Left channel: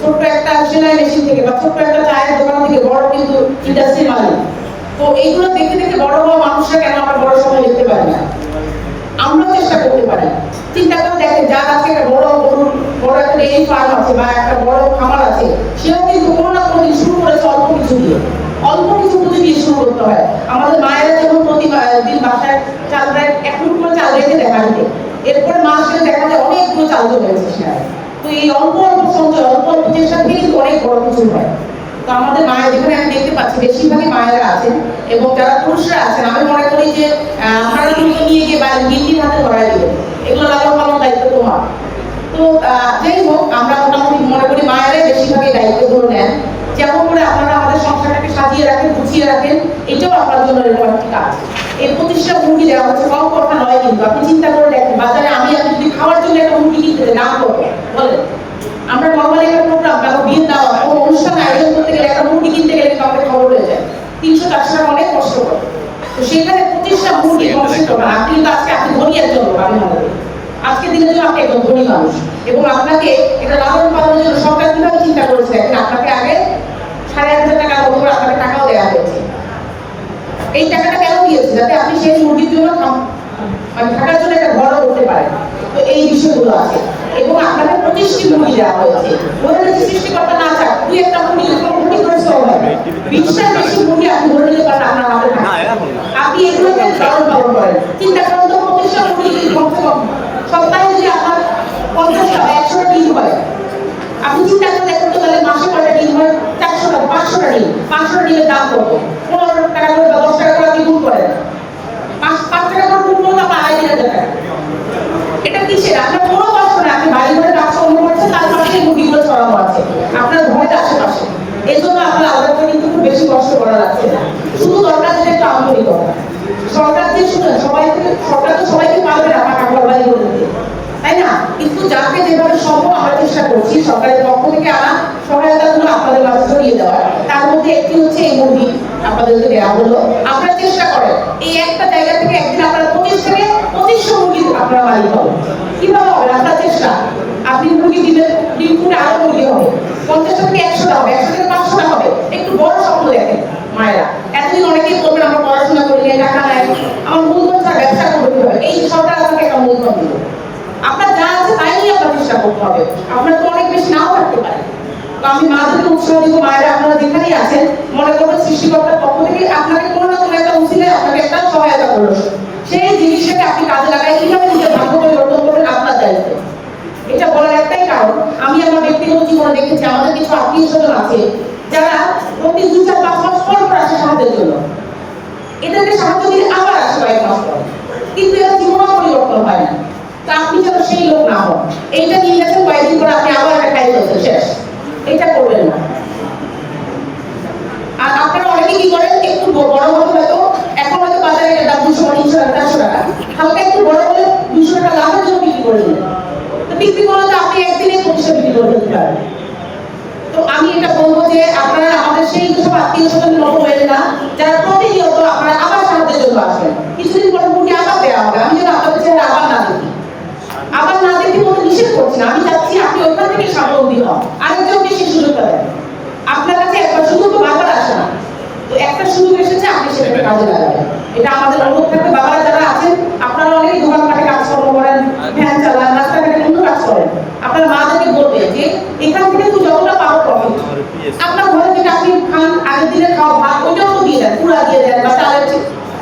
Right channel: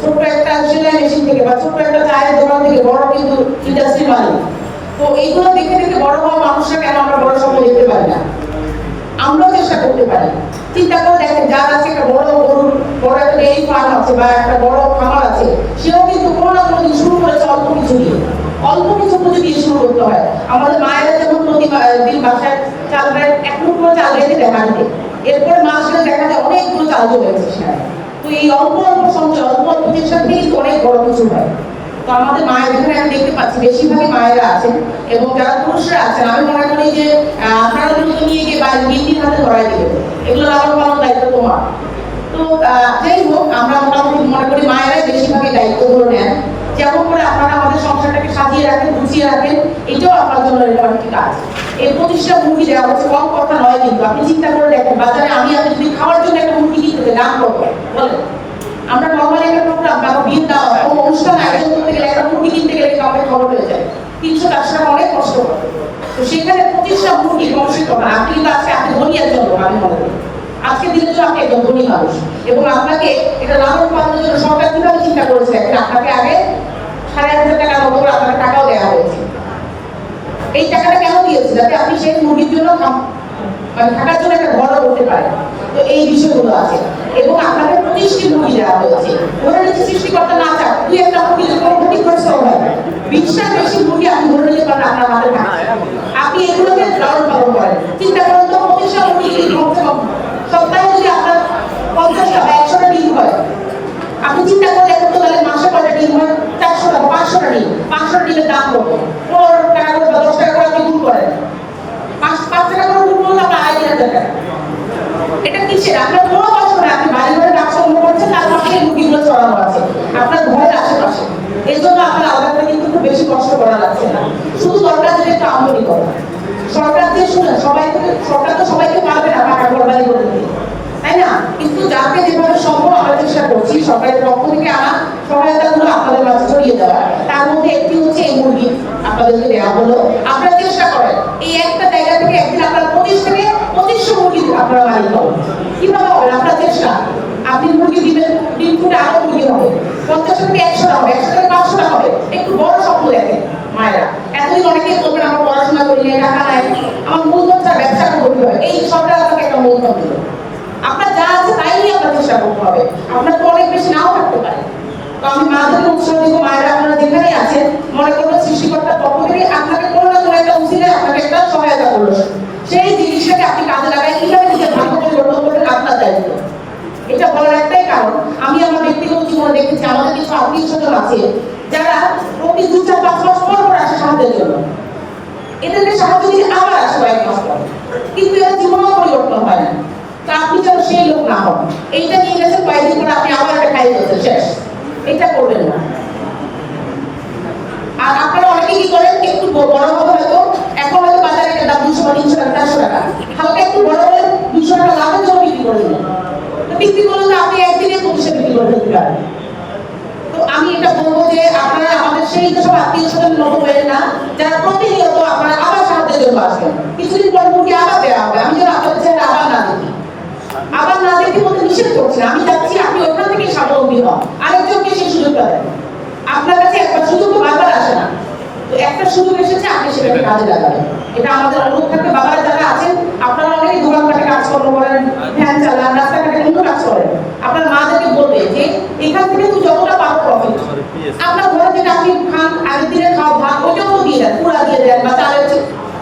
ছোট্ট একটা সেলাই মেশিন থেকে বা ছোট্ট একটা চায়ের দোকান থেকে বড় কিন্তু ইন্ডাস্ট্রি মালিক। তো এইগুলো দেখে দেখে বড় হওয়া মানুষরা কেন আমরা বড় স্বপ্ন দেখতে পারি না? আমরা চেষ্টা করতে পারি। চিন্তা করে দেখেন, যার কাছে একটা বড় গরুর বড় একটা ডেইরি ফার্ম আছে বা একটা বড় খামার আছে, সেও কিন্তু কোনো না কোনো দিন শুরু করেছে অল্প কিছু দিয়ে, অল্প কিছু পুঁজি দিয়ে শুরু করতে হয়। আমাদের মায়েরা যখন প্রতিদিন বাসায় চাল দেয়, এক টুকরো চাল রেখে দেখা দিতে, এরপরে মাস গেলে দেখা যায় অনেকগুলো চাল চলে গেছে সেখানে। তো এই অল্প অল্প সঞ্চয়, অল্প অল্প চেষ্টা থেকেই অনেক বড় কিছু হয়। তো আমাদের মায়ের এখানে আমি দেখতে পাচ্ছি বেশিরভাগই মায়েরা আছেন, এবং যারা পুরুষরা আছেন, আমি মনে করি যে আপনারা কিন্তু নিয়ে গিয়ে বাইরে বিক্রির হাতে ধরাই দিবেন, এগুলো লাভবান করার দায়িত্ব তোমার। তো যাই হোক, আমরা মোটামুটি মনে করি মায়েরাই বেশিরভাগই দায়িত্বগুলো নেন। যেমন করে আপনারা আমাদের সংসারটাকে সাজিয়ে রাখেন, গুছিয়ে রাখেন, এটাও আপনার জন্য এরকম একটি কাজ। এই 25টা মুরগি দেওয়া হচ্ছে, কম কথা নয় কিন্তু। আপনি চিন্তা করে দেখেন, বাজারে আমি যদি খাওয়ার জন্য একটা মুরগি কিনতে দাম কত বলেন? আমরা নর্মালি একটা প্রোগ্রাম বা বিয়ে দেওয়া অনুষ্ঠান আয়োজন করতে গেলে একটা মুরগি কিনতে গেলে কাউকে খবর হয়ে যায় 300-400 টাকা, অনেক কষ্ট করে। তো সেখানে 25টা মুরগি কষ্ট করা, আপনি তো আজকে আপনি ধনী একজন লোক, আমি মনে করি আজকে দিনে জন্য আপনি একদম ধনী মানুষ, এবং আপনাকে এটা লালন পালনের জন্য সরকার কিভাবে চিন্তা করেছে, আপনাকে আগে 8,500 টাকা মতো করে আপনাকে টাকাও দেওয়া হয়েছে। এই টাকাটা কেন দিয়েছে? যাতে আপনি সেই মুরগির জন্য মানে থাকার জন্য একটা ঘরও করতে পারেন। তো এই বিষয়গুলো আছে, এবং আপনাকে 25টি মুরগি দেওয়া হয়েছে। ধরে নিচ্ছি সৃষ্টিকর্তা না চাক, দুই একটা মুরগি ক্ষতি করে সব হয়, 20টার বেশি মুরগি আপনি ধরে নিতে পারেন আপনার হাতে থাকে, আপনি এগুলোকে লালন পালন করেন। চিন্তা করেন তো, 25টা মুরগি সপ্তাহে যদি আপনার 50টা বা 100টা ডিম হয়, আপনি চিন্তা করে দেখুন তো, তাহলে মাসে কয়টা ডিম হয়? 400টা, 500টা ডিম। 500টা ডিমের দাম কত? 15 টাকা করে বা 10 টাকা করে আপনি গুণ করেন, 5 টাকা করে গুণ করলে আপনার 2,500 টাকা। এটা কিসের? আপনার কোনো কষ্ট না, আপনি বাড়ি ঘরে কাজকর্ম করছেন, তার পাশে মুরগিগুলো চড়ানো আছে আপনার ঘরের আশেপাশে। এই জন্য আপনার আলাদা কিন্তু খুব বেশি কষ্ট করা লাগছে না। শুধু দরকার যেটা একটু আমদানি করা। সরকার দিয়ে শুনেন, সরকার তো সবাইকে পারবে না টাকা ঘরবাড়ি করে দিতে, তাই না? কিন্তু যাকে যেভাবে সম্ভব আমরা চেষ্টা করছি সরকারের পক্ষ থেকে আনা সহায়তাগুলো আপনাদের মাঝে ছড়িয়ে দেওয়া। তার মধ্যে একটি হচ্ছে এই মুরগি আপনাদেরকে দেওয়া হলো। আপনারা চেষ্টা করেন এই একটা জায়গা থেকে একদিন আপনার 2500 মুরগি আপনারা মালিক হবেন। কিভাবে হবে? আপনার চেষ্টা। আপনি মুরগি দিবেন, ডিম ফুটে আরো মুরগি হবে, 50 থেকে 100টা হবে, 100 থেকে 500টা হবে। একটু বড় স্বপ্ন দেখেন মায়েরা। এতদিন অনেকেই বলবেন আমরা পড়াশোনা করি না, টাকা নাই, আমার মূলধন ছাড়া ব্যবসা করতে হবে। এই সরকার আপনাকে একটা মূলধন দিল, আপনার যা আছে তাই নিয়ে আপনার চেষ্টা করতে হবে। আপনার তো অনেক বেশি নাও থাকতে পারে। তো আমি মাদেরকে উৎসাহ দিব, মায়েরা আপনারা যেখানেই আছেন, মনে করবেন সৃষ্টিকর্তার পক্ষ থেকে আপনাকে কোনো না কোনো একটা উচিলায় আপনাকে একটা সহায়তা করলো, সেই জিনিসটাকে আপনি কাজে লাগাই কিভাবে নিজের ভাগ্য পরিবর্তন করবেন আপনার দায়িত্ব। এটা বলার একটাই কারণ, আমি আমার ব্যক্তিগত জীবনে দেখেছি আমাদের কিছু আত্মীয় স্বজন আছে যারা প্রতি 2-4-5 মাস পর আসে সাহায্যের জন্য। এদেরকে সাহায্য দিলে আবার আসে 1 মাস পর, কিন্তু এর জীবনও পরিবর্তন হয় না। তা আপনি যেন সেই লোক না হন। এইটা নিয়ে গেছেন, কয়েকদিন পরে আপনি আবার একটা খাই ফেলছেন, শেষ। এটা করবেন না। আর আপনারা অনেকে কি করেন, একটু বড় হবে হয়তো, এখন হয়তো বাজারে এটা দাম 200-300 টাকা, 400 টাকা, হালকা একটু বড় হলে 200 টাকা লাভের জন্য বিক্রি করে দিলেন। তো বিক্রি করলে তো আপনি একদিনে 25 বিক্রি করে দিতে পারেন। তো আমি এটা বলবো যে আপনারা আমাদের সেই সব আত্মীয় স্বজন মতো হয়ে না, যারা প্রতিনিয়ত আপনারা আবার সাহায্যের জন্য আসবেন। কিছুদিন পর মুরগি আবার দেওয়া হবে, আমি যেন আপনাদের চেহারা আবার না দেখি। আবার না দেখি বলতে নিষেধ করছি না, আমি চাচ্ছি আপনি ওইখান থেকে স্বাবলম্বী হন, আরেকজনকে সেই সুযোগটা দেন। আপনার কাছে একবার সুযোগ তো বারবার আসে না, তো একটা সুযোগ এসেছে, আপনি সেটাকে কাজে লাগাবেন। এটা আমাদের অনুরোধ থাকবে। বাবারা যারা আছেন, আপনারা অনেকেই দোকানপাটে কাজকর্ম করেন, ভ্যান চালান, রাস্তাঘাটে কিন্তু কাজ করেন, আপনার মাদেরকে বলবে যে এখান থেকে তুই যতটা পারো প্রফিট, আপনার ঘরে যেটা আপনি খান, আগের দিনে খাওয়া ভাত ওইটাও তো দিয়ে দেন, পুরা দিয়ে দেন, বা চালের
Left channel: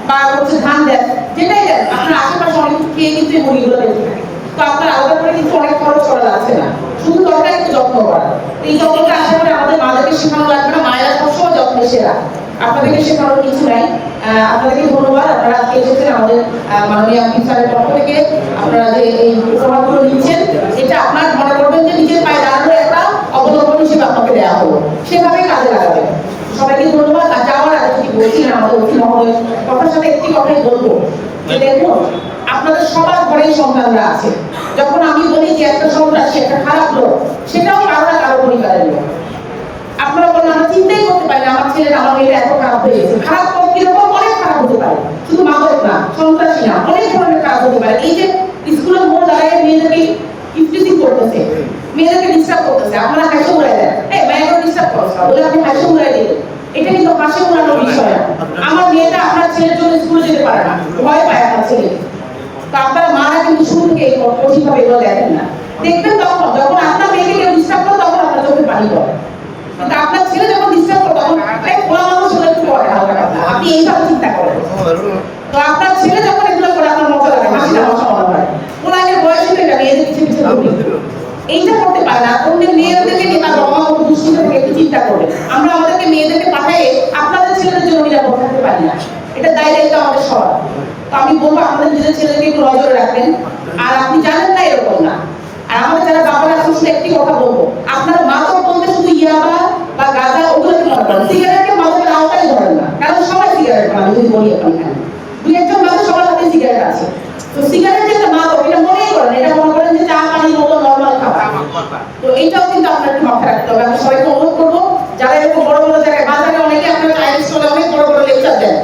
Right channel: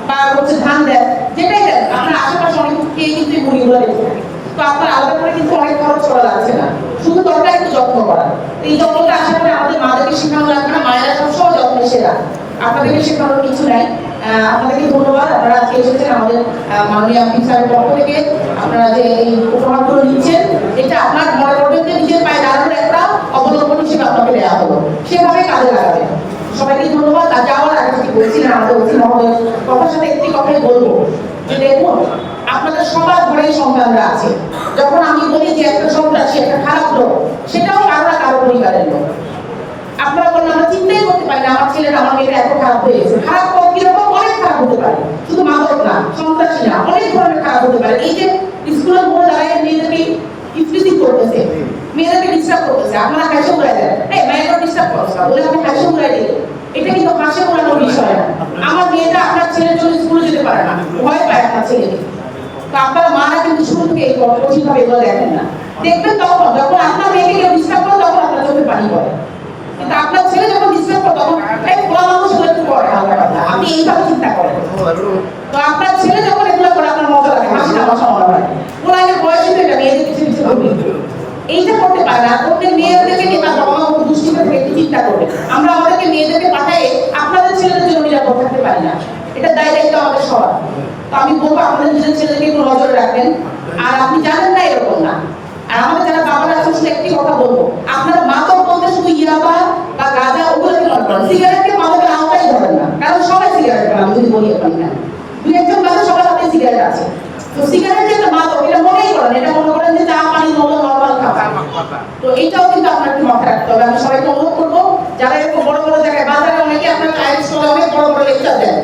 বা হচ্ছে ধান দেন, যেটাই দেন। আপনার আশেপাশে অনেক খেয়ে কিন্তু এই মুরগিগুলো বেঁচে থাকে। তো আপনার আলাদা করে কিন্তু অনেক খরচ করা যাচ্ছে না, শুধু দরকার একটু যত্ন করা। এই যত্নটা আশা করে আমাদের মাদেরকে শেখানো লাগবে না, মায়েরা সবসময় যত্নে সেরা, আপনাদেরকে শেখানোর কিছু নাই। আপনাদেরকে ধন্যবাদ, আপনারা আজকে এসেছেন আমাদের মাননীয় অফিসারের পক্ষ থেকে। আপনারা যে এই উপহারগুলো নিচ্ছেন, এটা আপনার মনে করবেন যে নিজের পায়ে দাঁড়ানোর একটা অবলম্বন হিসেবে আপনাকে দেওয়া হলো, সেভাবে কাজে লাগাবেন। সবাইকে ধন্যবাদ। আর যাওয়ার আগে কিছু বলছিলেন আমাদের অতি মহোদয়, কথার সাথে একটি কথাই বলবো যে দেখুন, আপনাদের সবার ঘরেই সন্তানরা আছে। যখন আমি বলি যে একটা সন্তান সে একটা খারাপ লোক, সেটাও কারো পরিবারের লোক। আপনারা বলেন আমরা চিন্তাই করতে পারি না আমার ছেলেটা আমার মেয়েটা এত খারাপ হয়ে গেছে। খারাপ কিরকম? অনেক খারাপ হতে পারে, শুধু মাদক না, সন্ত্রাসী না, অনেক ধরনের খারাপ হতে পারে। এই যে স্কুলের মধ্যে দাঁড়িয়ে মেয়েদেরকে ইফটিজিং করতে করতেছে, মেয়েদেরকে ডিস্টার্ব করতেছে, আপনারা হাসি উড়াই দেন, এই মেয়েরা ডিস্টার্ব করছে বলে আপনি হাসি উড়াই দিলেন, এটা কিন্তু হাসি উড়ানোর বিষয় না। আমার মেয়েটা আপনার ছেলের জন্য স্কুলে যেতে পারে না, ভয় পায় আপনার ছেলে। তো আপনারা মারা কিন্তু শুরু থেকে এই কঠিনভাবে এগুলো দেখেন না, দেখবেন তখন যখন আপনার মেয়েকে কেউ ডিস্টার্ব করে তখন আপনার চোখে পানি পড়ে, কিন্তু আপনার ছেলে যখন ডিস্টার্ব করে তখন এই খোলা মানুষ হলে একটু পড়ে হালকা কথা, আপনি এইভাবে চিন্তা করেন। তো আপনার ছেলে যখন এগুলো করে আপনার মজা লাগে, হাসিটা মজা মনে হয়, ওনাদের বয়স হয়ে যাবে, মেয়েদের পিছিয়ে পিছিয়ে এইটা করতে পারে না। অন্যের মেয়েদেরকে নিয়ে তার বাবা মা দুষ্কৃত থেকে একটু চিন্তা করবে, আমরা আমাদেরকে মেয়েদেরকে পাঠাই আপনাদের ছেলেদের জন্য নিরাপদ থাকতে পারি না, এটা দায়িত্ব আমাদের সবার। তো আমি বলবো আপনাদের নিজের ছেলেকে একটু নজরে রাখবেন, আর আপনি জানেন না এরকম না। আর আমাদের যারা বাবারা আছেন শুনে একটি কথা বলবো, আপনারা মাদক বলতে শুধু ইয়াবা বা গাঁজা ওগুলোকে মনে করেন, সিগারেটকে মাদকের আওতায় ধরেন না, কারণ সবাই সিগারেট খান, আমি যদি বলি এখানে দুই একজন মানুষ সবার হাতে সিগারেট আছে। তো সিগারেট যেটা মাদক এটা মনেই করেন, এটা মনে করেন যে চা পানি মতো নর্মাল খাবার। তো এইটাও কিন্তু আপনার একটু মাথায় রাখতে হবে। আমি সবাইকে অনুরোধ করবো, যারা এরকম বড় বড় জায়গায় বাজারে অনেকে আপনার চায়ের স্টলে অনেক বড় বড় লেকচার দেন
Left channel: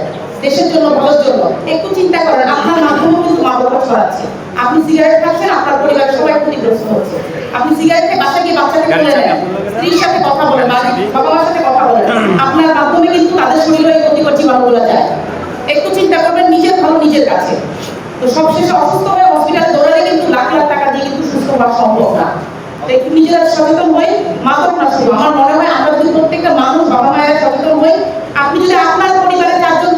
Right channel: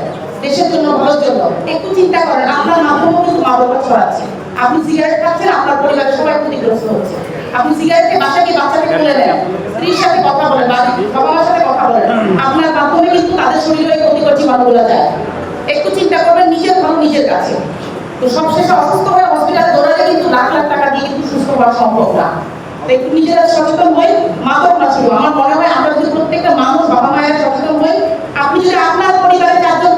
দেশের জন্য, ভালোর জন্য, একটু চিন্তা করেন আপনার মাধ্যমেও কিন্তু মাদকটা ছড়াচ্ছে। আপনি সিগারেট খাচ্ছেন, আপনার পরিবারের সবাই ক্ষতিগ্রস্ত হচ্ছে। আপনি সিগারেটে বাসায় গিয়ে বাচ্চাকে তুলে নেন, স্ত্রীর সাথে কথা বলেন, বাবা মার সাথে কথা বলেন, আপনার মাধ্যমে কিন্তু তাদের শরীরে ক্ষতিকর জীবাণুগুলো যায়। একটু চিন্তা করবেন, নিজের ভালো নিজের কাছে। তো সবশেষে অসুস্থ হয়ে হসপিটালে দৌড়ালে কিন্তু লাখ লাখ টাকা দিয়ে কিন্তু সুস্থ হওয়া সম্ভব না। তো একটু নিজেরা সচেতন হই, মাদক না শুধু, আমার মনে হয় আমরা যদি প্রত্যেকটা মানুষ বাবা মায়ের সচেতন হই, আপনি যদি আপনার পরিবারের চারজন